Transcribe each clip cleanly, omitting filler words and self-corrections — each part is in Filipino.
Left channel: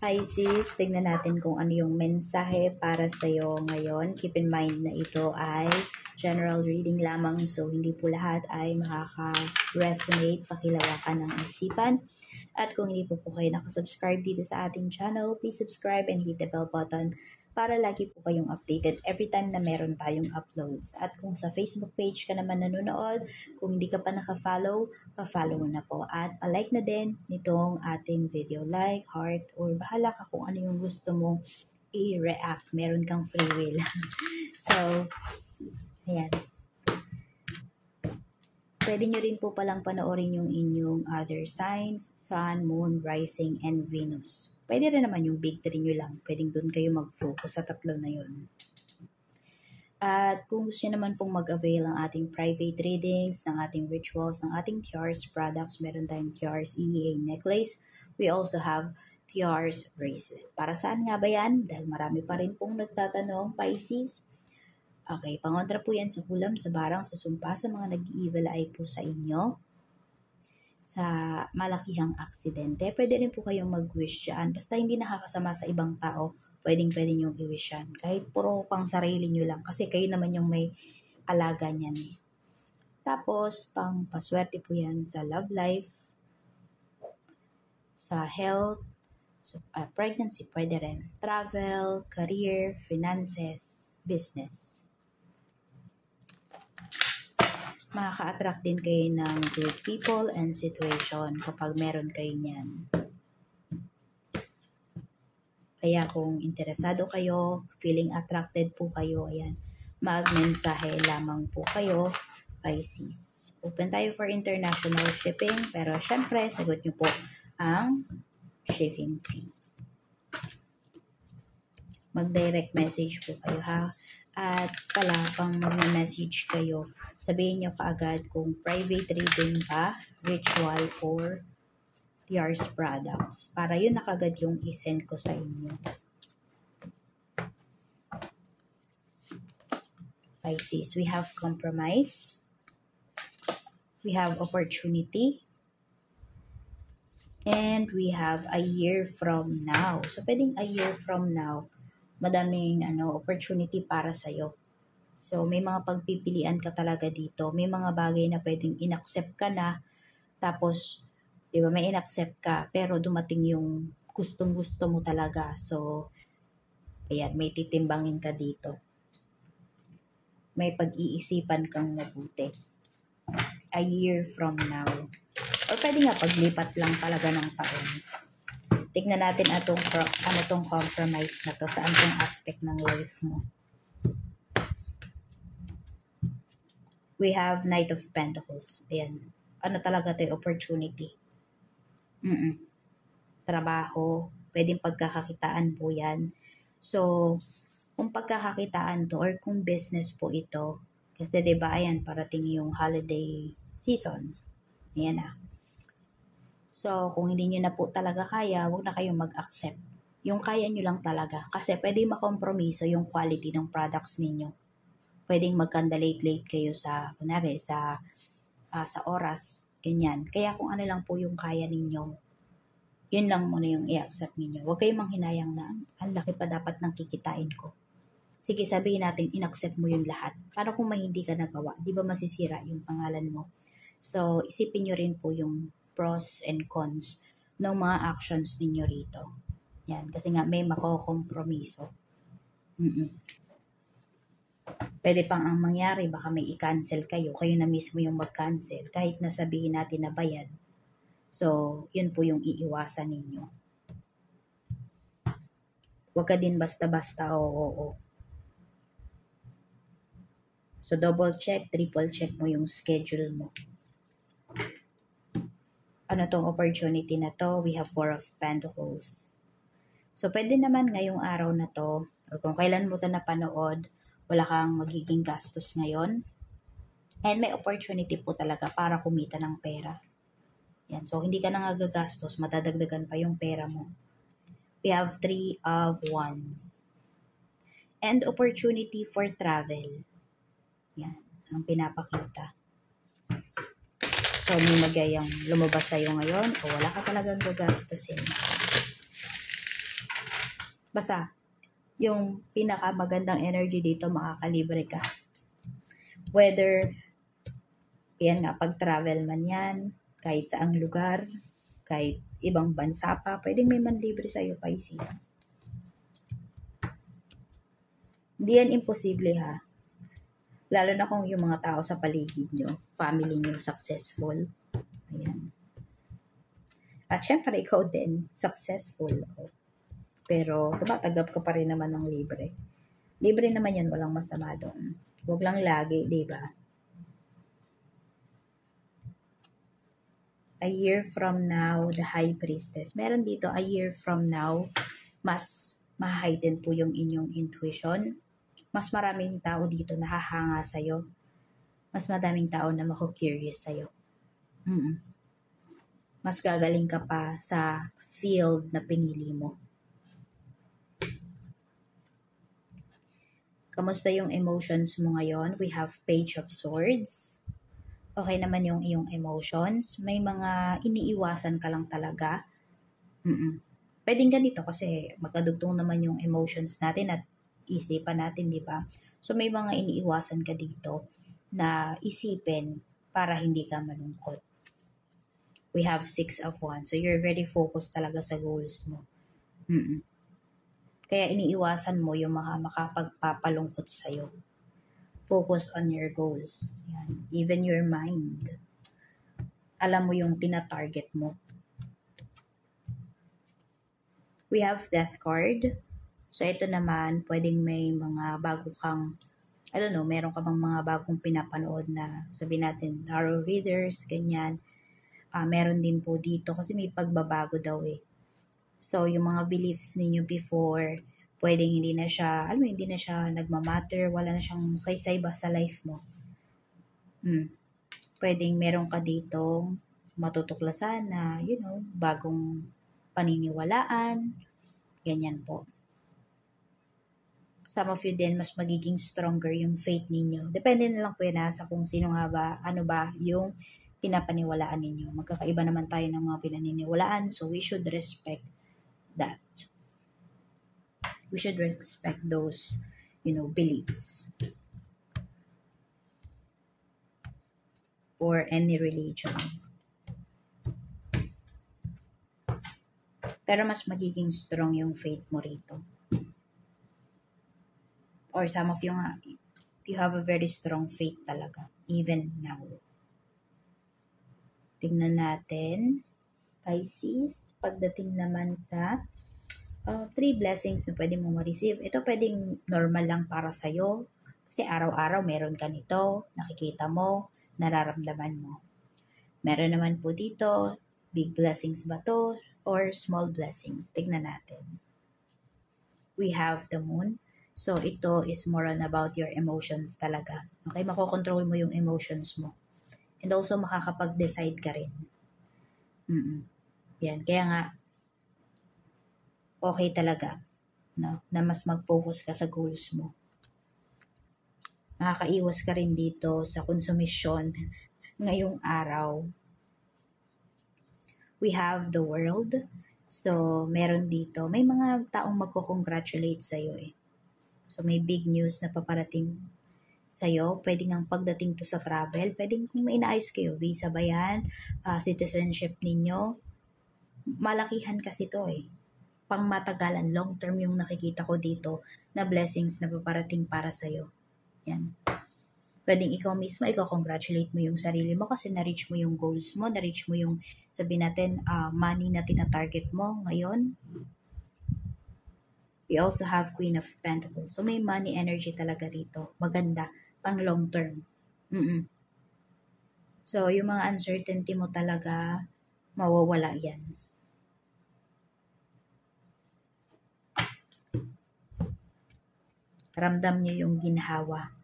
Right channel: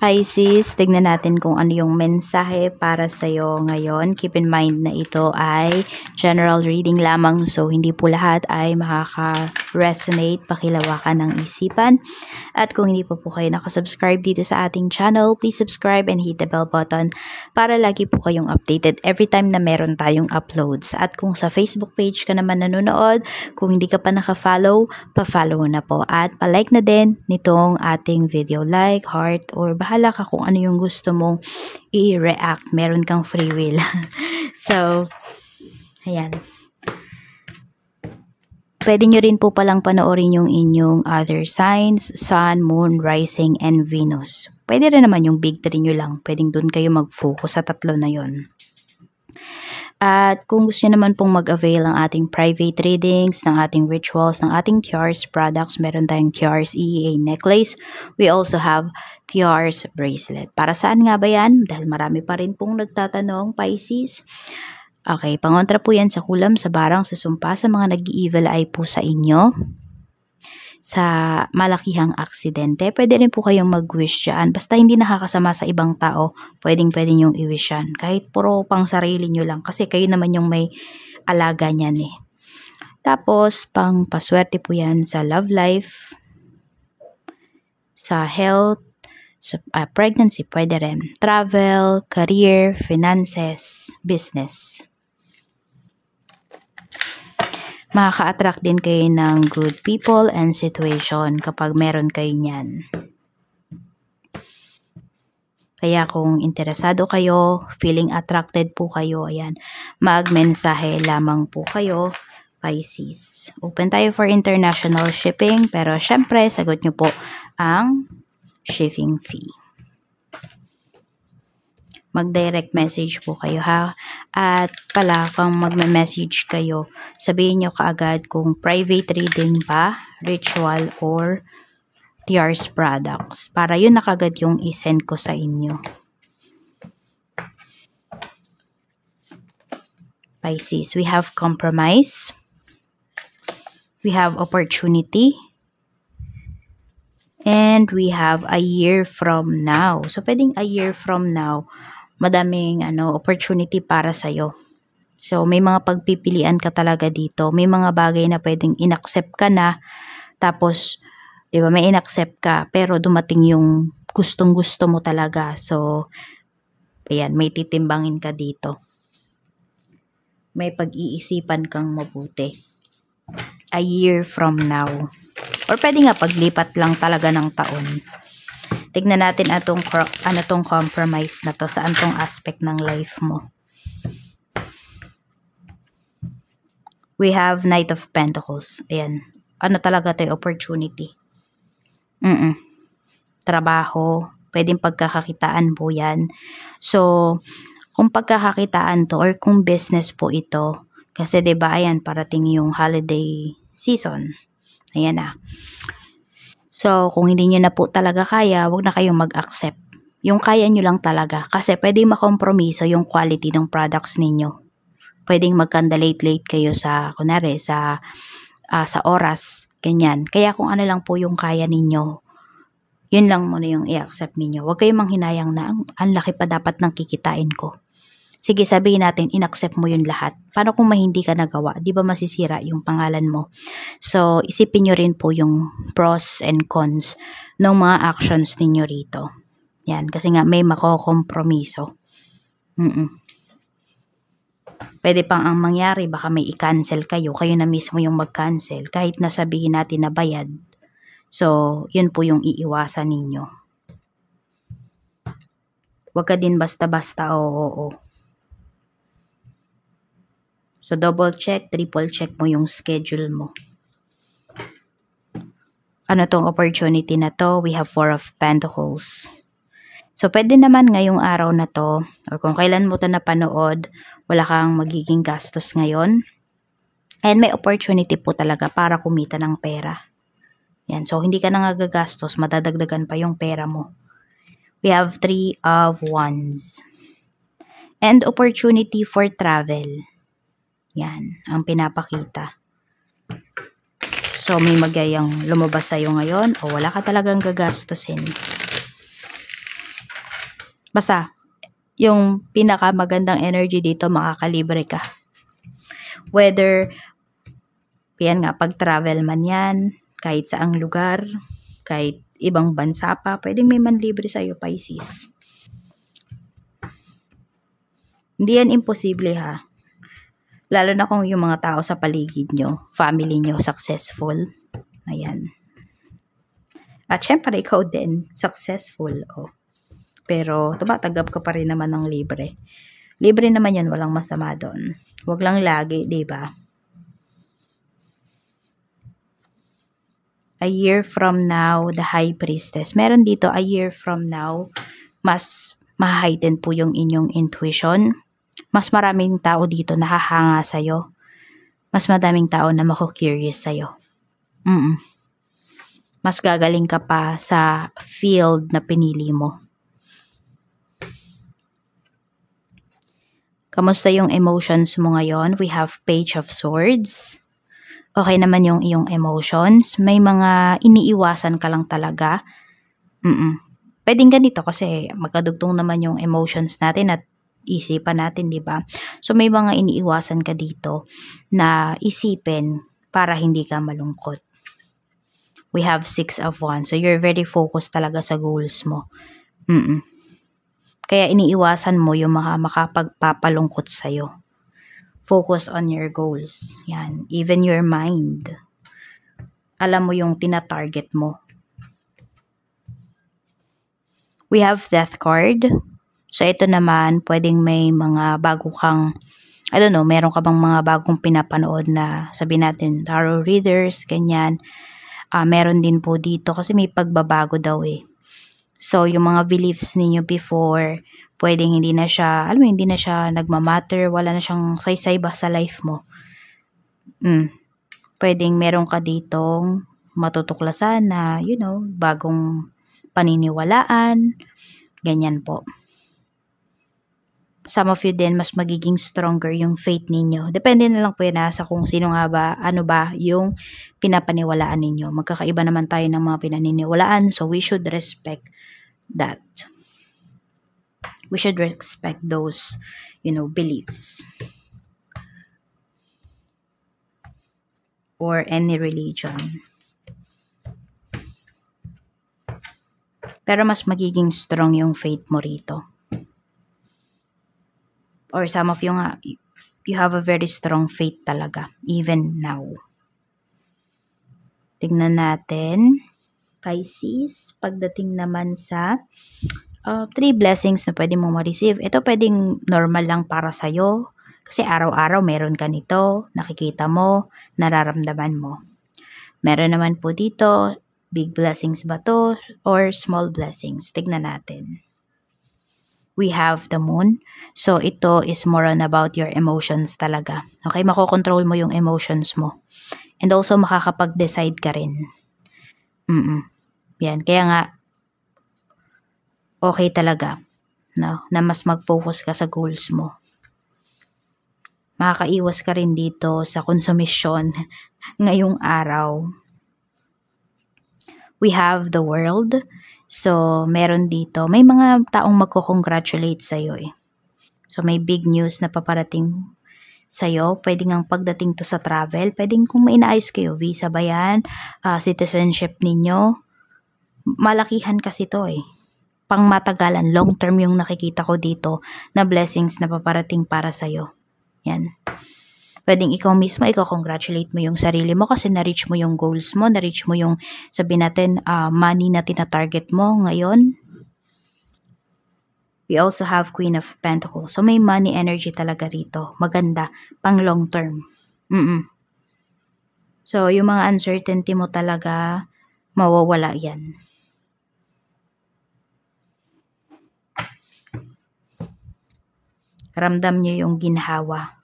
Pisces, tignan natin kung ano yung mensahe para sa'yo ngayon. Keep in mind na ito ay general reading lamang, so hindi po lahat ay makaka-resonate, pakilawakan ng isipan. At kung hindi po kayo nakasubscribe dito sa ating channel, please subscribe and hit the bell button para lagi po kayong updated every time na meron tayong uploads. At kung sa Facebook page ka naman nanonood, kung hindi ka pa naka-follow, pa-follow na po. At pa-like na din nitong ating video, like, heart, or bahala ka kung ano yung gusto mong i-react. Meron kang free will. So, ayan. Pwede nyo rin po palang panoorin yung inyong other signs, Sun, Moon, Rising, and Venus. Pwede rin naman yung big 3 nyo lang. Pwedeng dun kayo mag-focus sa tatlo na yon. At kung gusto nyo naman pong mag-avail ng ating private readings, ng ating rituals, ng ating Tiars products, meron tayong Tiars EEA necklace. We also have Tiars bracelet. Para saan nga ba yan? Dahil marami pa rin pong nagtatanong, Pisces. Okay, pangontra po yan sa kulam, sa barang, sa sumpa, sa mga nag-evil eye po sa inyo. Sa malakihang aksidente, pwede rin po kayong mag-wish dyan. Basta hindi nakakasama sa ibang tao, pwede nyong i-wish yan. Kahit puro pang sarili nyo lang, kasi kayo naman yung may alaga niyan eh. Tapos, pang paswerte po yan sa love life, sa health, sa pregnancy, pwede rin. Travel, career, finances, business. Makaka-attract din kayo ng good people and situation kapag meron kayo niyan. Kaya kung interesado kayo, feeling attracted po kayo, ayan, mag-mensahe lamang po kayo, Pisces. Open tayo for international shipping, pero syempre, sagot nyo po ang shipping fee. Mag-direct message po kayo ha. At pala, kung magme-message kayo, sabihin nyo kaagad kung private reading ba, ritual, or Tiars products. Para yun na kagad yung i-send ko sa inyo. Pisces, we have compromise. We have opportunity. And we have a year from now. So, pwedeng a year from now, madaming opportunity para sa'yo. So, may mga pagpipilian ka talaga dito. May mga bagay na pwedeng inaccept ka na. Tapos, di ba, may inaccept ka. Pero dumating yung gustong-gusto mo talaga. So, ayan, may titimbangin ka dito. May pag-iisipan kang mabuti. A year from now. Or pwede nga paglipat lang talaga ng taon. Tignan natin ano tong compromise na to, saan tong aspect ng life mo. We have Knight of Pentacles. Ayan. Ano talaga to, opportunity. Trabaho. Pwedeng pagkakakitaan po yan. So, kung pagkakakitaan to or kung business po ito, kasi diba, ayan, parating yung holiday season. Ayan na. So, kung hindi nyo na po talaga kaya, wag na kayong mag-accept. Yung kaya nyo lang talaga. Kasi pwedeng makompromiso yung quality ng products ninyo. Pwedeng magkanda-late kayo sa, kunwari, sa oras. Ganyan. Kaya kung ano lang po yung kaya ninyo, yun lang muna yung i-accept ninyo. Wag kayong manghinayang na, ang laki pa dapat ng kikitain ko. Sige, sabihin natin, in-accept mo yun lahat. Paano kung hindi ka nagawa? Di ba masisira yung pangalan mo? So, isipin nyo rin po yung pros and cons ng mga actions ninyo rito. Yan, kasi nga may makokompromiso. Pwede pang ang mangyari, baka may i-cancel kayo. Kayo na mismo yung mag-cancel. Kahit nasabihin natin na bayad. So, yun po yung iiwasan ninyo. Huwag ka din basta-basta oo. So, double check, triple check mo yung schedule mo. Ano tong opportunity na to? We have 4 of Pentacles. So, pwede naman ngayong araw na to, or kung kailan mo to napanood, wala kang magiging gastos ngayon. And may opportunity po talaga para kumita ng pera. Yan. So, hindi ka na gagastos, madadagdagan pa yung pera mo. We have 3 of Wands. And opportunity for travel. Yan, ang pinapakita. So, may magayang lumabas sa'yo ngayon o wala ka talagang gagastusin. Basta, yung pinakamagandang energy dito, makakalibre ka. Whether, yan nga, pag-travel man yan, kahit saang lugar, kahit ibang bansa pa, pwedeng may manlibre sa'yo, Pisces. Hindi yan imposible ha. Lalo na kung yung mga tao sa paligid nyo, family nyo, successful. Ayan. At syempre, ikaw din, successful. Oh. Pero, tumatanggap ka pa rin naman ng libre. Libre naman yan, walang masama doon. Huwag lang lagi, diba? A year from now, the High Priestess. Meron dito, a year from now, mas ma-heighten po yung inyong intuition. Mas maraming tao dito nakahanga sa'yo. Mas madaming tao na mako-curious sa'yo. Mas gagaling ka pa sa field na pinili mo. Kamusta yung emotions mo ngayon? We have Page of Swords. Okay naman yung iyong emotions. May mga iniiwasan ka lang talaga. Pwedeng ganito kasi magkadugtong naman yung emotions natin at isipan natin, di ba? So may mga iniiwasan ka dito na isipin para hindi ka malungkot. We have 6 of Wands. So you're very focused talaga sa goals mo. Kaya iniiwasan mo yung makapagpapalungkot sa'yo. Focus on your goals. Yan. Even your mind. Alam mo yung tina-target mo. We have Death card. So, ito naman, pwedeng may mga bago kang, I don't know, meron ka bang mga bagong pinapanood na, sabihin natin, tarot readers, ganyan. Meron din po dito kasi may pagbabago daw eh. So, yung mga beliefs ninyo before, pwedeng hindi na siya, alam mo, hindi na siya nagmamatter, wala na siyang saysay ba sa life mo. Pwedeng meron ka ditong matutuklasan na, you know, bagong paniniwalaan, ganyan po. Some of you din, mas magiging stronger yung faith ninyo. Depende na lang po yan sa kung sino nga ba, ano ba yung pinapaniwalaan ninyo. Magkakaiba naman tayo ng mga pinaniniwalaan, so we should respect that. We should respect those, you know, beliefs. Or any religion. Pero mas magiging strong yung faith mo rito. Or some of you nga, you have a very strong faith talaga, even now. Tingnan natin, Pisces, pagdating naman sa 3 blessings na pwede mo ma-receive. Ito pwedeng normal lang para sa'yo, kasi araw-araw meron ka nito, nakikita mo, nararamdaman mo. Meron naman po dito, big blessings ba to, or small blessings? Tignan natin. We have the moon. So, ito is more on about your emotions talaga. Okay, makokontrol mo yung emotions mo. And also, makakapag-decide ka rin. Yan, kaya nga, okay talaga, no, na mas mag-focus ka sa goals mo. Makakaiwas ka rin dito sa konsumisyon ngayong araw. We have the world. So, meron dito, may mga taong magko-congratulate sa'yo eh. So, may big news na paparating sa'yo. Pwede ngang pagdating to sa travel. Pwedeng kung may inaayos kayo, visa ba yan, citizenship ninyo. Malakihan kasi to eh. Pang matagalan, long term yung nakikita ko dito na blessings na paparating para sa'yo. Yan. Pwedeng ikaw mismo, congratulate mo yung sarili mo kasi na-reach mo yung goals mo, na-reach mo yung, sabihin natin, money na tina-target mo ngayon. We also have Queen of Pentacles. So, may money energy talaga rito. Maganda. Pang long term. So, yung mga uncertainty mo talaga, mawawala yan. Ramdam nyo yung ginhawa.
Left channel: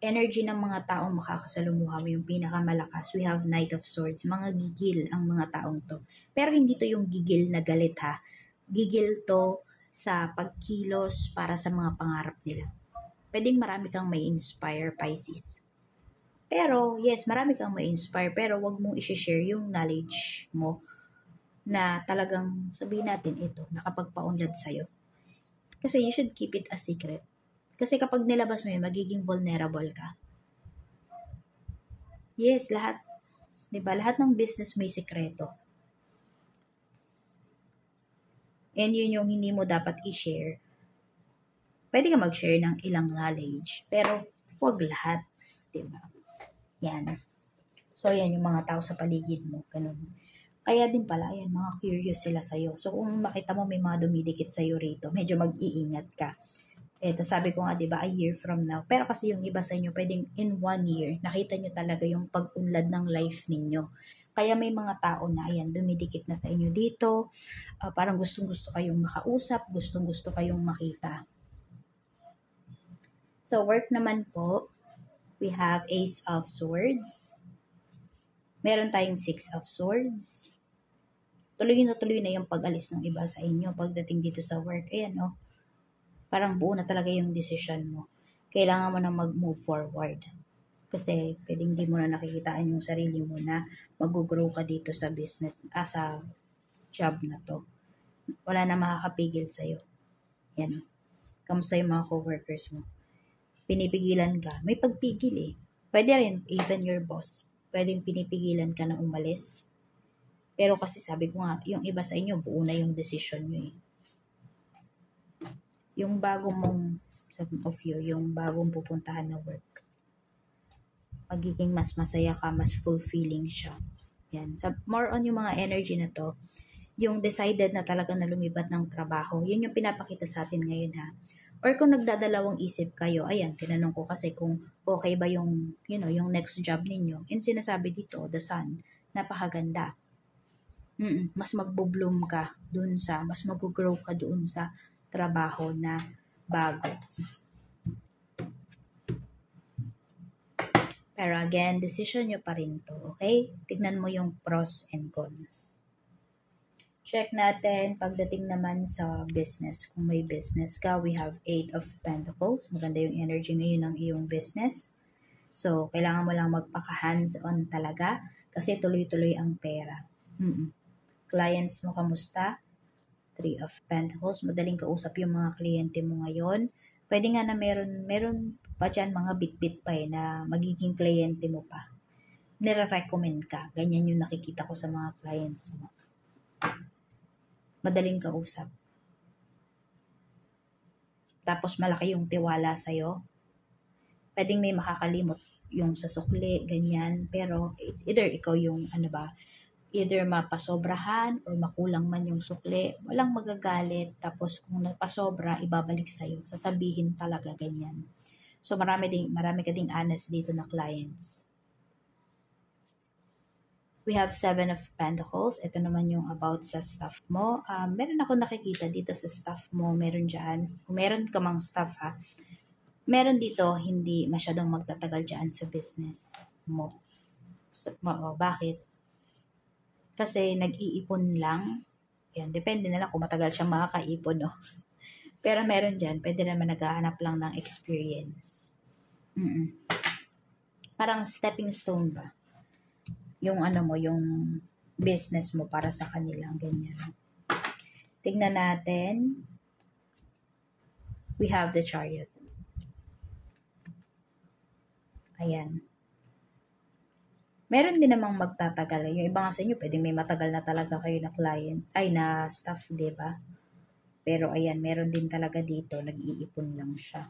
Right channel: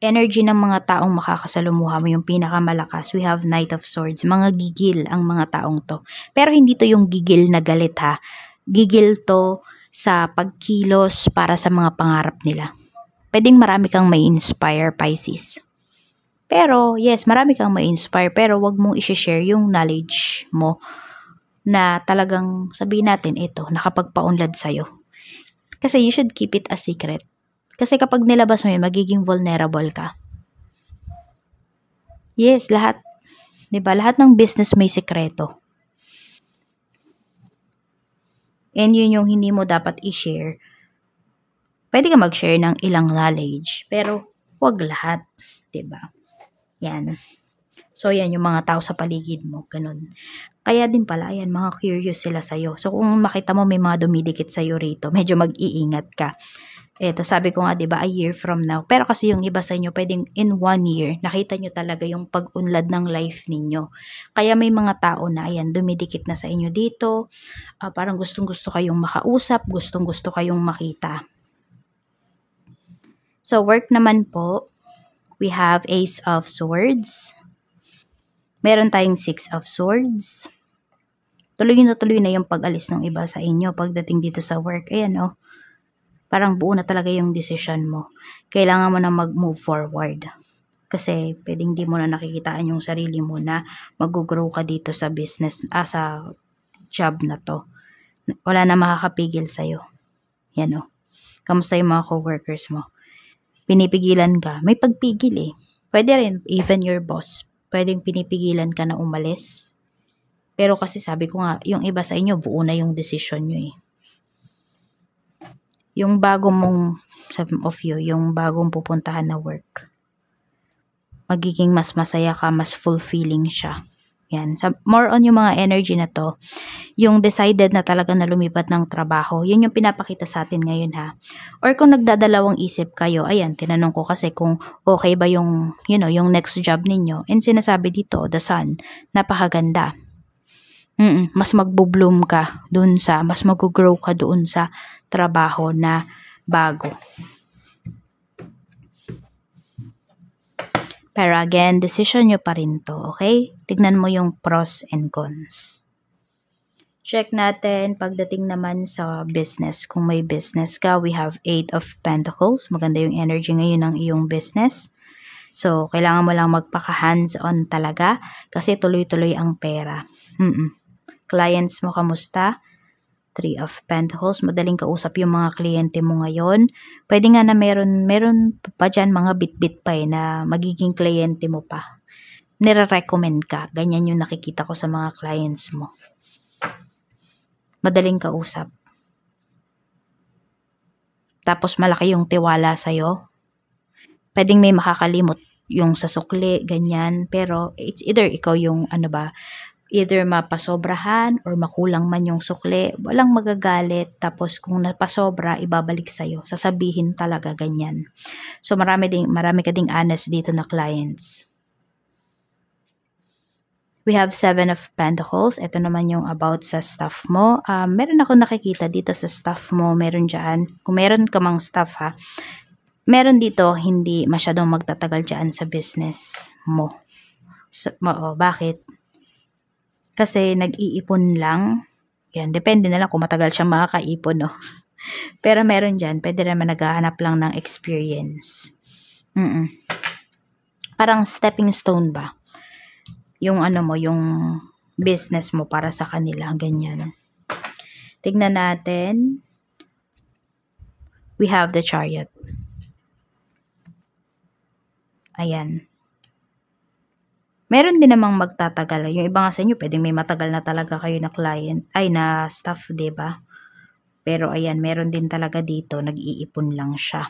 Energy ng mga taong makakasalumuha mo yung pinakamalakas. We have Knight of Swords. Mga gigil ang mga taong to. Pero hindi to yung gigil na galit ha. Gigil to sa pagkilos para sa mga pangarap nila. Pwedeng marami kang may inspire, Pisces. Pero, yes, marami kang may inspire. Pero wag mong i-share yung knowledge mo na talagang sabihin natin ito, nakapagpaunlad sa'yo. Kasi you should keep it a secret. Kasi kapag nilabas mo yun, magiging vulnerable ka. Yes, lahat. 'Di ba? Lahat ng business may sikreto. And yun yung hindi mo dapat i-share. Pwede ka mag-share ng ilang knowledge, pero wag lahat. 'Di ba? Yan. So, yan yung mga tao sa paligid mo. Ganun. Kaya din pala, ayan, mga curious sila sa'yo. So, kung makita mo may mga dumidikit sa'yo rito, medyo mag-iingat ka. Eto, sabi ko nga, 'di ba, a year from now. Pero kasi yung iba sa inyo, pwedeng in 1 year, nakita nyo talaga yung pag-unlad ng life ninyo. Kaya may mga tao na, ayan, dumidikit na sa inyo dito. Parang gustong-gusto kayong makausap, gustong-gusto kayong makita. So, work naman po, we have Ace of Swords. Meron tayong Six of Swords. Tuloy na yung pag-alis ng iba sa inyo pagdating dito sa work. Ayan, oh. Parang buo na talaga yung decision mo. Kailangan mo na mag-move forward. Kasi pwedeng di mo na nakikitaan yung sarili mo na mag-grow ka dito sa business, sa job na to. Wala na makakapigil sa'yo. Yan, oh. Kamusta yung mga coworkers mo? Pinipigilan ka. May pagpigil eh. Pwede rin, even your boss. Pwedeng pinipigilan ka na umalis. Pero kasi sabi ko nga, yung iba sa inyo, buo na yung decision nyo eh. Yung bago mong, some of you, yung bagong pupuntahan na work, magiging mas masaya ka, mas fulfilling siya. Yan. More on yung mga energy na to, yung decided na talaga na lumipat ng trabaho, yun yung pinapakita sa atin ngayon ha. Or kung nagdadalawang isip kayo, ayan, tinanong ko kasi kung okay ba yung, yung next job ninyo. And sinasabi dito, the sun, napakaganda. Mas magbo-bloom ka doon sa, mas mag-grow ka doon sa trabaho na bago. Pero again, decision nyo pa rin to, okay? Tignan mo yung pros and cons. Check natin pagdating naman sa business. Kung may business ka, we have 8 of Pentacles. Maganda yung energy ngayon ng iyong business. So, kailangan mo lang magpaka-hands-on talaga kasi tuloy-tuloy ang pera. Clients mo, kamusta? 3 of Pentacles. Madaling kausap yung mga kliyente mo ngayon. Pwede nga na meron pa dyan mga bit-bit pa na magiging kliyente mo pa. Nire-recommend ka. Ganyan yung nakikita ko sa mga clients mo. Madaling kausap. Tapos malaki yung tiwala sa'yo. Pwedeng may makakalimot yung sa sukli, ganyan. Pero it's either ikaw yung either mapasobrahan or makulang man yung sukli, walang magagalit. Tapos kung napasobra, ibabalik sa'yo. Sasabihin talaga ganyan. So marami ka ding honest dito na clients. We have 7 of Pentacles. Ito naman yung about sa staff mo. Meron ako nakikita dito sa staff mo. Meron dyan. Kung meron ka mang staff ha, meron dito hindi masyadong magtatagal dyan sa business mo. Bakit? Kasi nag-iipon lang. Yan, depende na lang kung matagal siyang makakaipon, no? Pero meron dyan, pwede naman naghahanap lang ng experience. Parang stepping stone ba? Yung yung business mo para sa kanila, ganyan. Tignan natin. We have the Chariot. Ayan. Meron din namang magtatagal. Yung iba nga sa inyo, pwedeng may matagal na talaga kayo na client, na staff, diba? Pero ayan, meron din talaga dito, nag-iipon lang siya.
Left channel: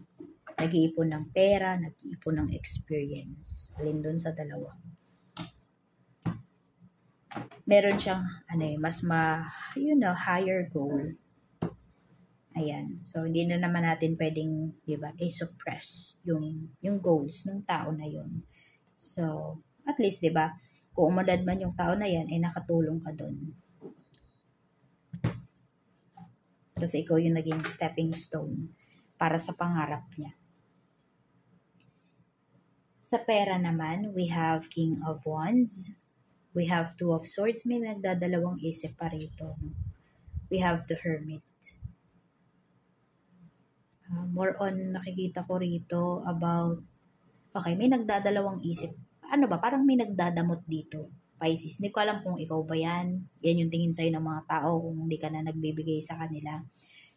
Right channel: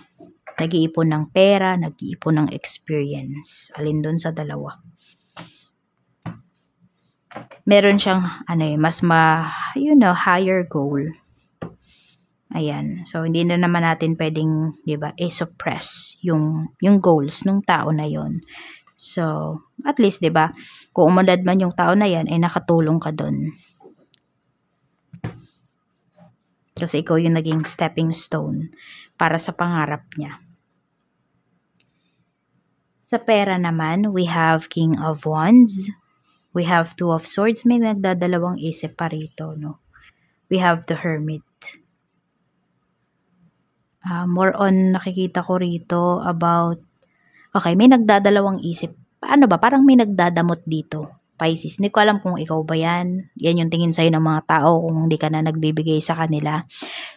Nag-iipon ng pera, nag-iipon ng experience. Alin dun sa dalawa? Meron siyang, higher goal. Ayan. So, hindi na naman natin pwedeng, diba, suppress yung goals ng tao na yon. So, at least, diba, kung umunlad man yung tao na yan, ay nakatulong ka dun. Kasi ikaw yung naging stepping stone para sa pangarap niya. Sa pera naman, we have King of Wands. We have 2 of Swords. May nagdadalawang isip pa rito, no? We have the Hermit. More on nakikita ko rito about, okay, may nagdadalawang isip. Paano ba? Parang may nagdadamot dito. Pisces. Hindi ko alam kung ikaw ba yan. Yan yung tingin sa'yo ng mga tao kung hindi ka na nagbibigay sa kanila.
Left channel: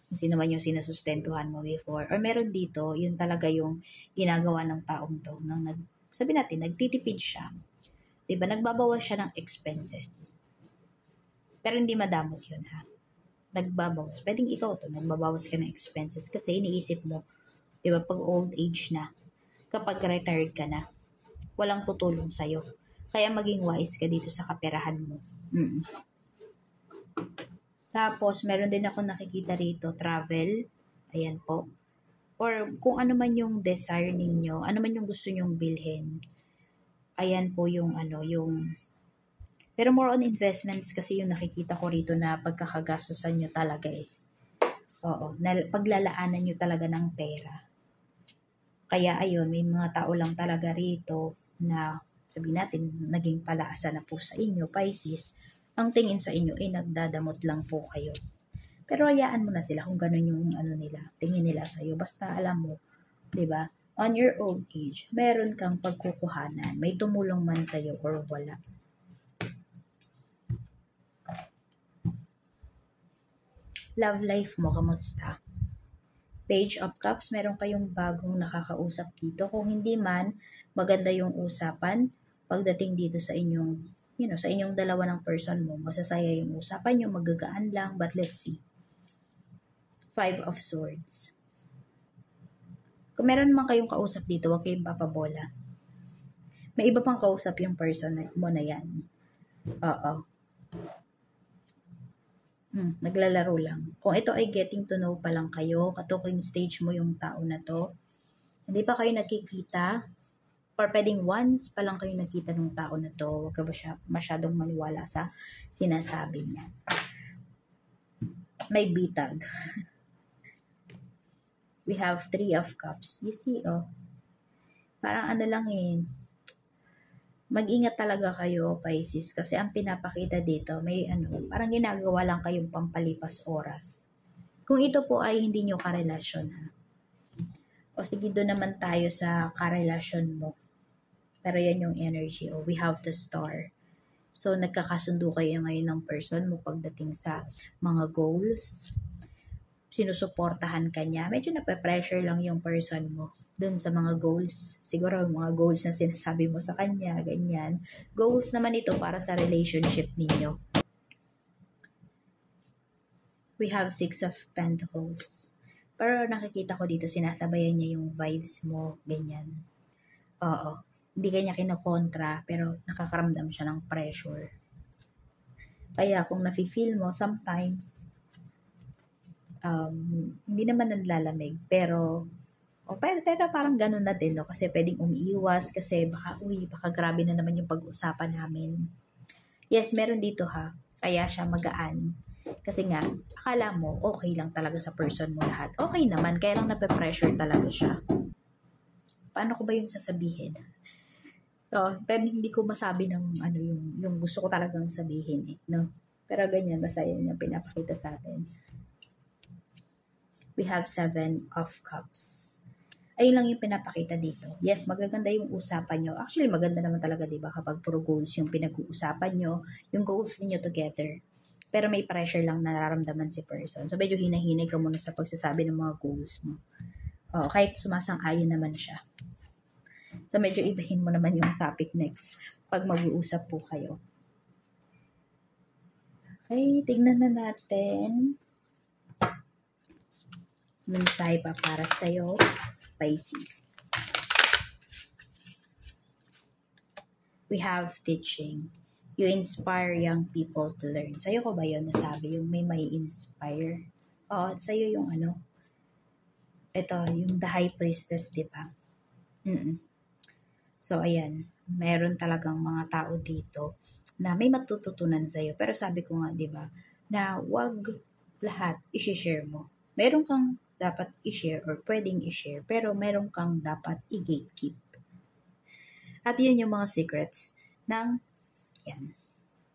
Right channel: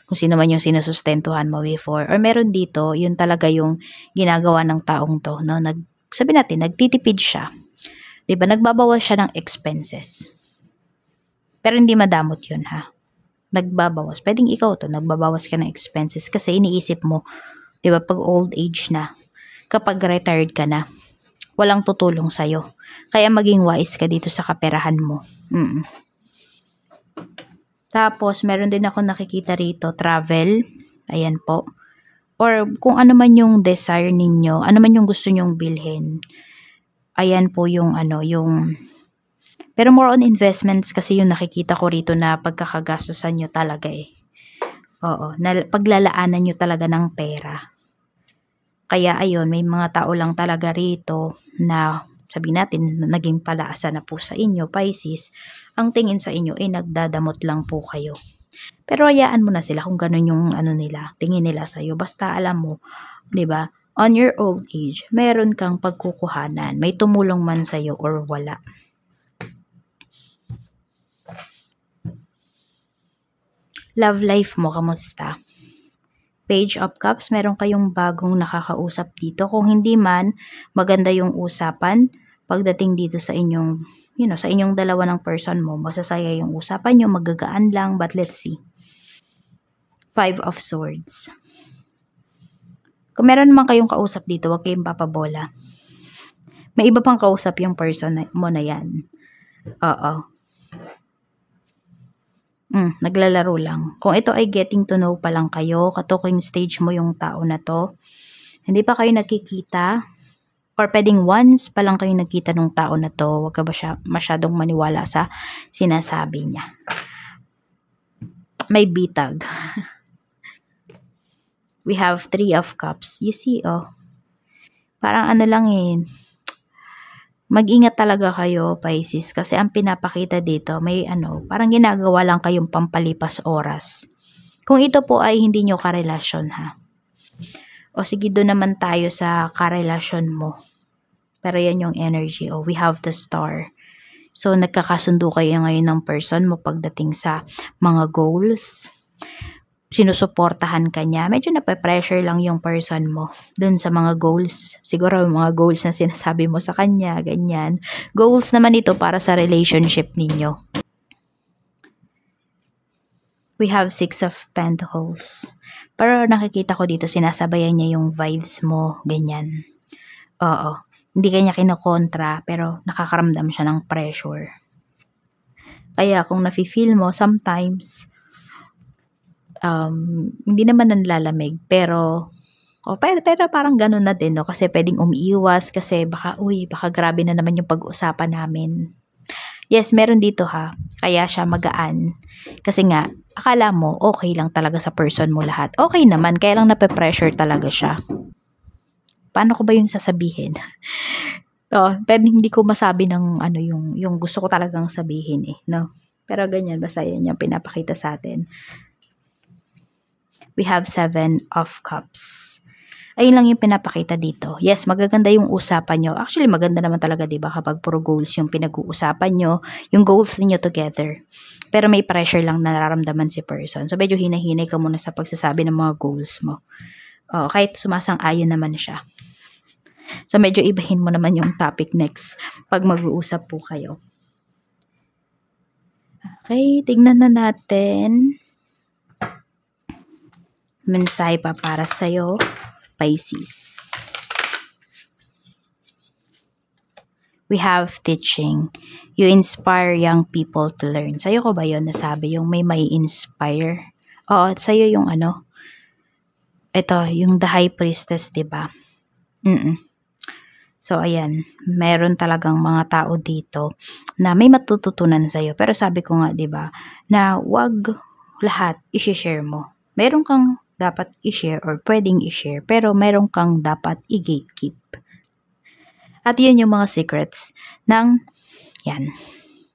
Kung sino man yung sinusustentuhan mo before. Or meron dito, yun talaga yung ginagawa ng taong to. No? Sabi natin, nagtitipid siya. Diba? Nagbabawas siya ng expenses. Pero hindi madamot yun ha. Nagbabawas. Pwedeng ikaw to, nagbabawas ka ng expenses kasi iniisip mo, diba, pag old age na, kapag retired ka na, walang tutulong sa'yo. Kaya maging wise ka dito sa kaperahan mo. Tapos, meron din ako nakikita rito, travel. Ayan po. Or kung ano man yung desire ninyo, ano man yung gusto nyong bilhin. Ayan po yung pero more on investments kasi yung nakikita ko rito na pagkakagastusan nyo talaga eh. Oo, paglalaanan nyo talaga ng pera. Kaya ayun, may mga tao lang talaga rito na sabi natin naging palaasa na po sa inyo, Pisces. Ang tingin sa inyo ay nagdadamot lang po kayo. Pero hayaan mo na sila kung ganun yung nila, tingin nila sa iyo. Basta alam mo, 'di ba? On your old age, meron kang pagkukuhanan. May tumulong man sa iyo or wala. Love life mo, kamusta? Page of Cups, meron kayong bagong nakakausap dito. Kung hindi man, maganda yung usapan pagdating dito sa inyong, sa inyong dalawa ng person mo. Masasaya yung usapan nyo, magagaan lang, but let's see. 5 of Swords. Kung meron naman kayong kausap dito, huwag kayong papabola. May iba pang kausap yung person mo na yan. Oo. Naglalaro lang. Kung ito ay getting to know pa lang kayo, katuking stage mo yung tao na to, hindi pa kayo nakikita, or pwedeng once pa lang kayo nakita ng tao na to, huwag ka ba siya masyadong maniwala sa sinasabi niya. May bitag. We have 3 of Cups. You see, parang lang mag-ingat talaga kayo, Pisces, kasi ang pinapakita dito, may parang ginagawa lang kayong pampalipas oras. Kung ito po ay hindi nyo karelasyon ha. O sige, doon naman tayo sa karelasyon mo. Pero yan yung energy. We have the Star. So, nagkakasundo kayo ngayon ng person mo pagdating sa mga goals. Sinusuportahan ka niya. Medyo nape-pressure lang yung person mo dun sa mga goals. Siguro mga goals na sinasabi mo sa kanya, ganyan. Goals naman ito para sa relationship ninyo. We have 6 of Pentacles. Pero nakikita ko dito, sinasabayan niya yung vibes mo, ganyan. Oo. Hindi kanya kinokontra, pero nakakaramdam siya ng pressure. Kaya kung nafe-feel mo, sometimes, hindi naman nanlalamig, pero parang ganun na din, no? Kasi pwedeng umiiwas, kasi baka grabe na naman yung pag-uusapan namin. Yes, meron dito ha. Kaya siya magaan. Kasi nga, akala mo, okay lang talaga sa person mo lahat. Okay naman, kaya lang nape-pressure talaga siya. Paano ko ba yung sasabihin? Pwede hindi ko masabi ng yung gusto ko talagang sabihin no? Pero ganyan, basta yun yung pinapakita sa atin. We have 7 of Cups. Ayun lang yung pinapakita dito. Yes, magaganda yung usapan nyo. Actually, maganda naman talaga, diba, kapag puro goals yung pinag-uusapan nyo, yung goals niyo together. Pero may pressure lang na nararamdaman si person. So, medyo hinahinay ka muna sa pagsasabi ng mga goals mo. Kahit sumasang-ayon naman siya. So, medyo ibahin mo naman yung topic next pag mag-uusap po kayo. Okay, tignan na natin. Mensahe pa para sa'yo, Pisces. We have teaching. You inspire young people to learn. Sa'yo ko ba yun nasabi? Yung may inspire? Oo, sa'yo yung ito, yung the high priestess, diba? So, ayan, meron talagang mga tao dito na may matututunan sa'yo. Pero sabi ko nga, diba, na wag lahat i-share mo. Meron kang dapat i-share or pwedeng i-share, pero meron kang dapat i-gatekeep. At yun yung mga secrets ng,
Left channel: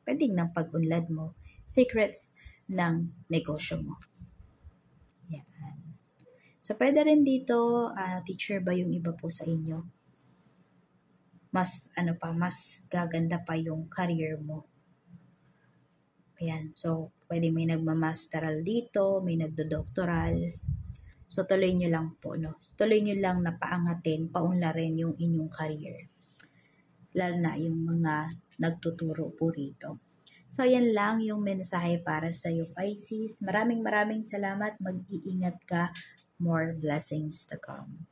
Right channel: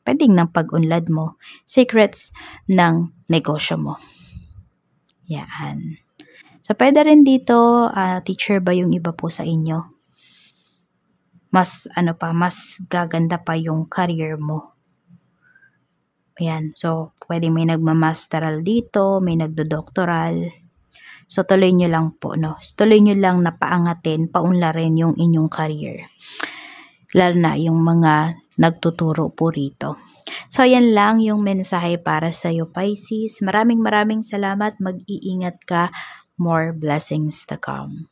pwedeng ng pag-unlad mo, secrets ng negosyo mo. Yan. So, pwede rin dito, teacher ba yung iba po sa inyo? mas mas gaganda pa yung career mo. Ayan, so pwede may nagmamasteral dito, may nagdodoktoral. So tuloy nyo lang po, no? Tuloy nyo lang na paangatin, paunlarin yung inyong career. Lalo na yung mga nagtuturo po rito. So yan lang yung mensahe para sa iyo, Pisces. Maraming salamat. Mag-iingat ka. More blessings to come.